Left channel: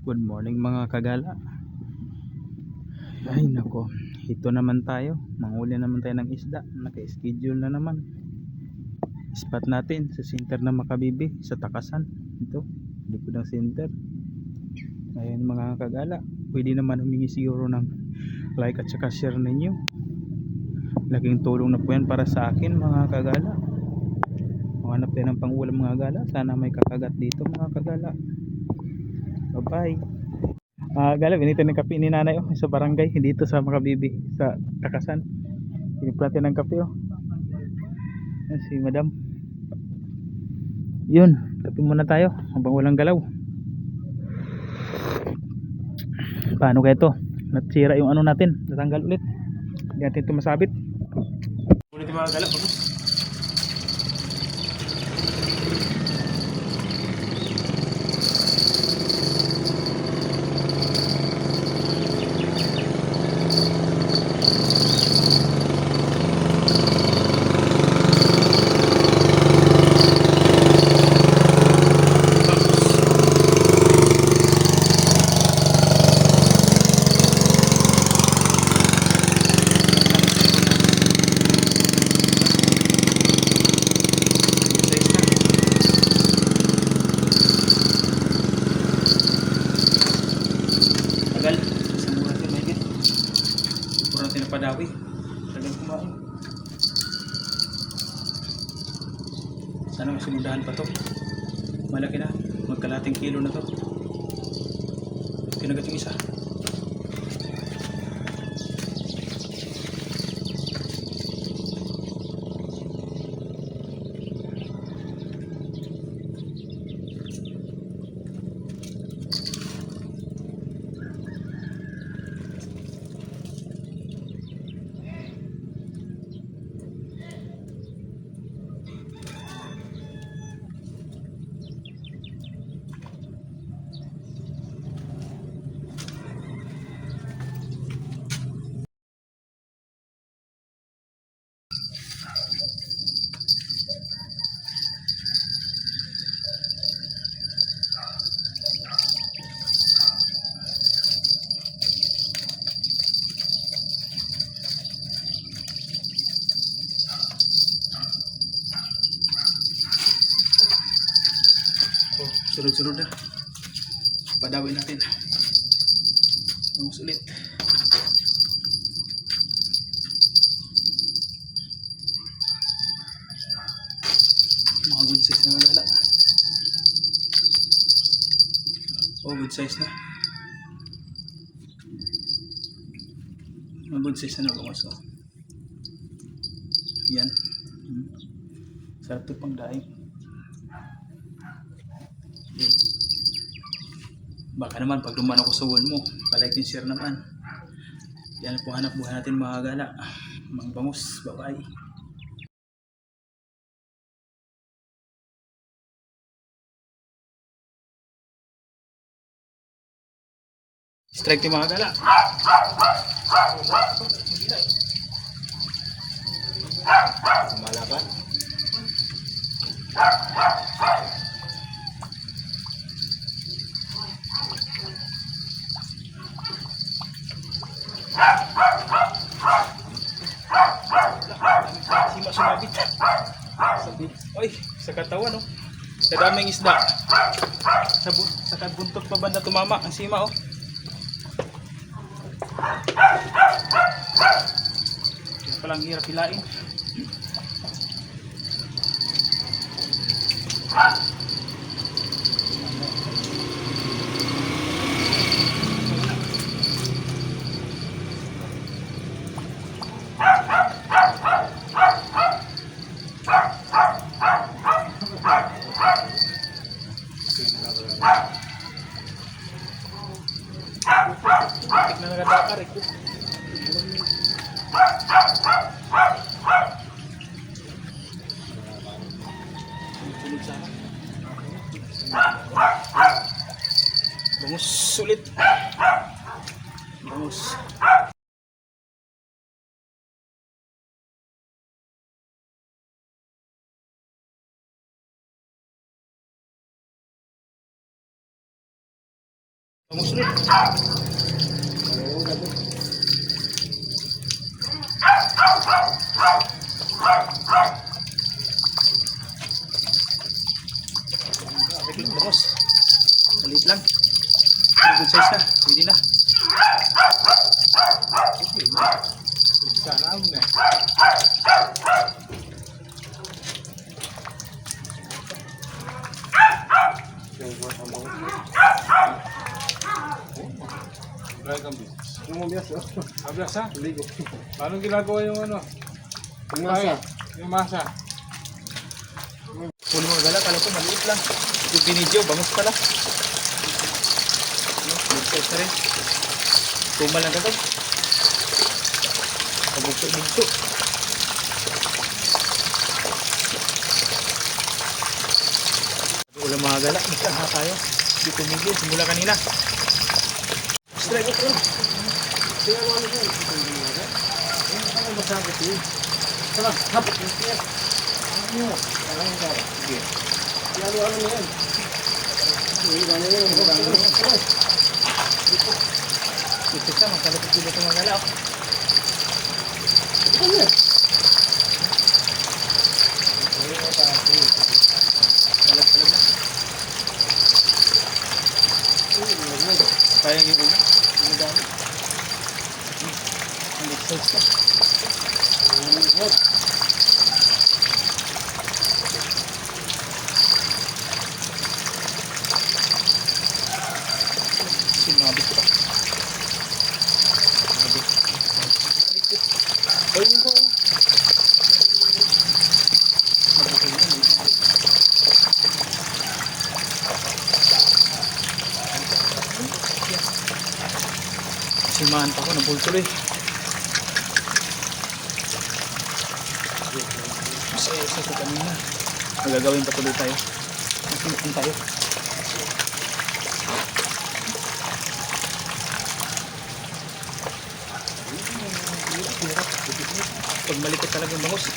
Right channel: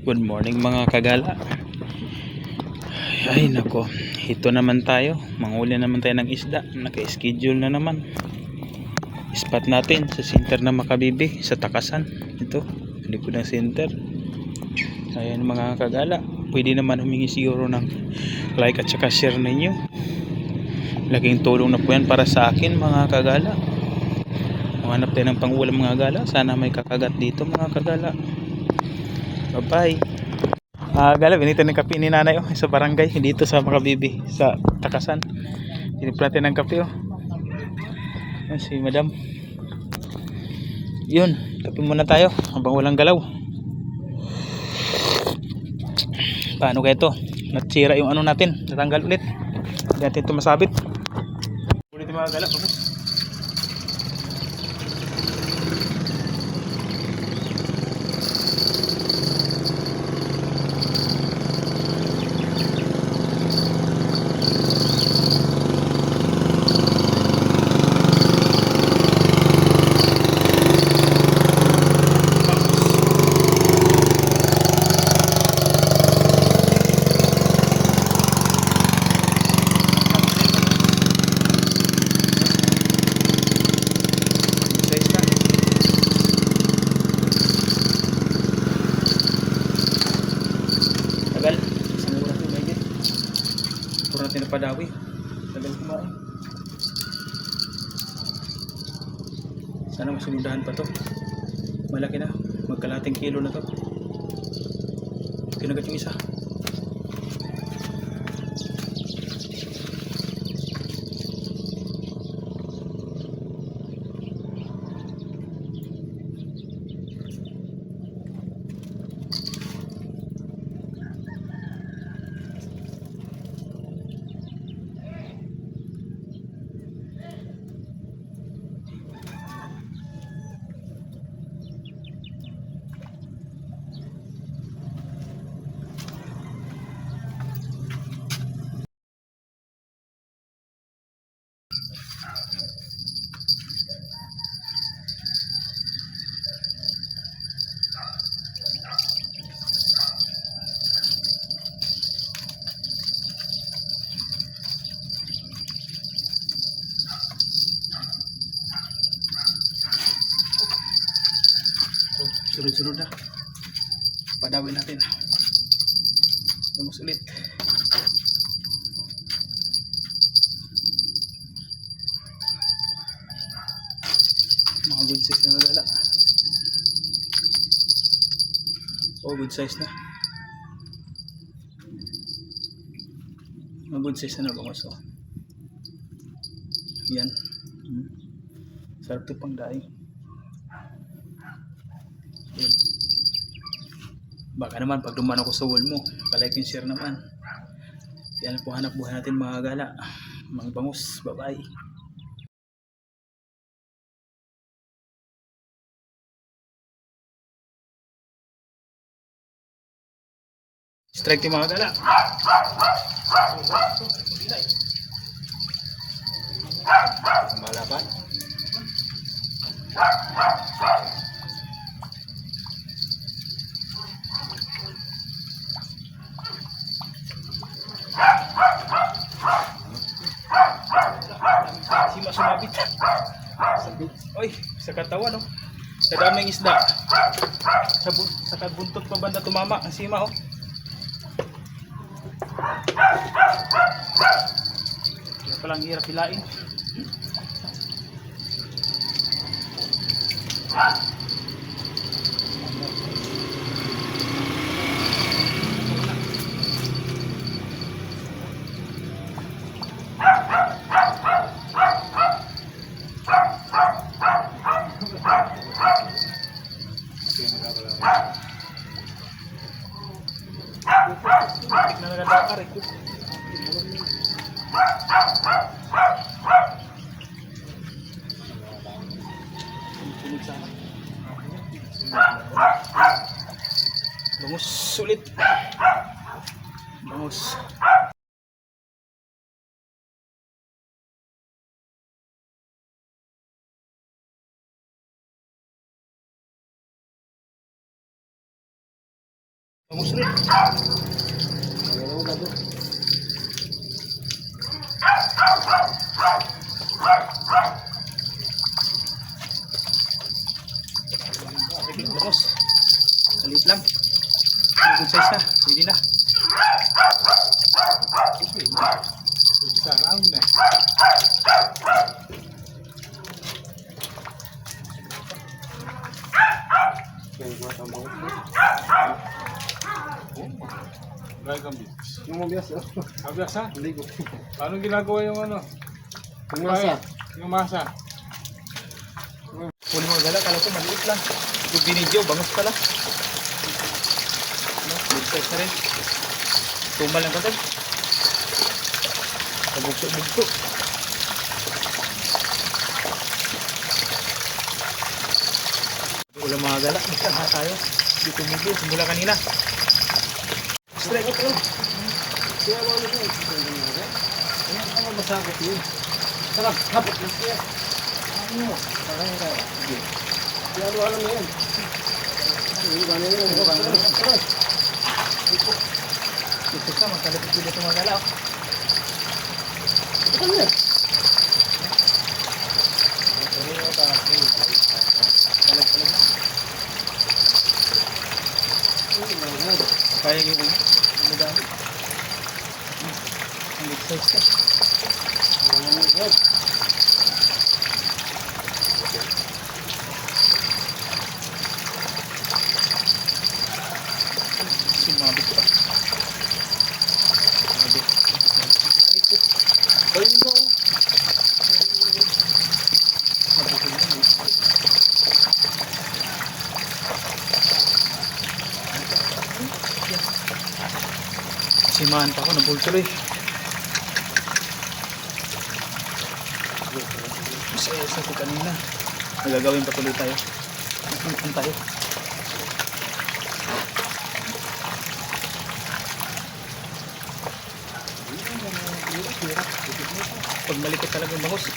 Good morning mga kagala. Ay nako, ito naman tayo. Manghuli naman tayo ng isda. Naka-schedule na naman. Spot natin sa center ng Makabibi sa Takasan. Ito, sa likod ng center. Ayan mga kagala. Pwede naman humingi siguro ng like at saka share ninyo. Laking tulong na po yan para sa akin mga kagala. Hanap tayo ng pangulam mga kagala. Sana may kakagat dito mga kagala. Bye bye. Gala, binito ng kape ni nanay sa barangay dito sa Makabibi sa Takasan. Hinipra natin ng kape si madam. Yun, kape muna tayo habang walang galaw. Paano kaya ito? Natsira yung ano natin, natanggal ulit. Hindi natin ito masabit. Ulit yung mga gala, bagus. Tagal, isang oras yun, may git. Puro natin na padawi. Tagal kumain. Sana masumundahan pa to. Malaki na, magkalating kilo na to. Kinagat yung isa. Sunod-sunod na. Padawin natin. Vamos ulit. Mga good size na gala. Good size na. Mga good size na bangos Yan. Sarap ito pang daing. Yan. Baka naman pag dumaan ako sa wall mo, palike and share naman. Yan po hanap buhay natin mga gala. Mga bangus. Bye bye. Strike yung mga gala. Malaban. Sima sumabit. Oy, sa katawan sa daming isda. Sa buntot pa banda tumama ang sima Kaya palang hirap hilain. Tik na nagadakar ito. Sunod sana. Bangus sulit. Bangus. Bangus rin. Bangus. Maliit lang. Good size na. Pwede na. Sarang na. Dragon beach. Yung mabias, oh. Mabiyak sa? Ligo. Paano ginagawa yung ano? Yung masa. Yung masa. Huli mga gala. Kala ko maliit lang. Ito binidyo. Bangus pala. Ano? Good size na rin. Tumal lang kagad. Pabugso-bugso. Ulam mga gala. Magkaha tayo. Hindi tumigil. Simula kanina. Ano ba sa ako yun? Sarap, hapot yung siya. Ano? Sige. Kaya ano na yan? Iba na yun. Iba na yun. Ito siya. Magkalapit dito ito mga gala. Ito na yan. Palag-palag na. Sayang yung una. Yung dami. Ang big size ka. Sumabit pa. Sumabit. Ayun daw. Mabukol na eh. Simahan pa ako, nabultuloy. Uso ko kanina. Magagawin pa tuloy tayo. Nakinupan tayo. Pag malikot talagang bangus.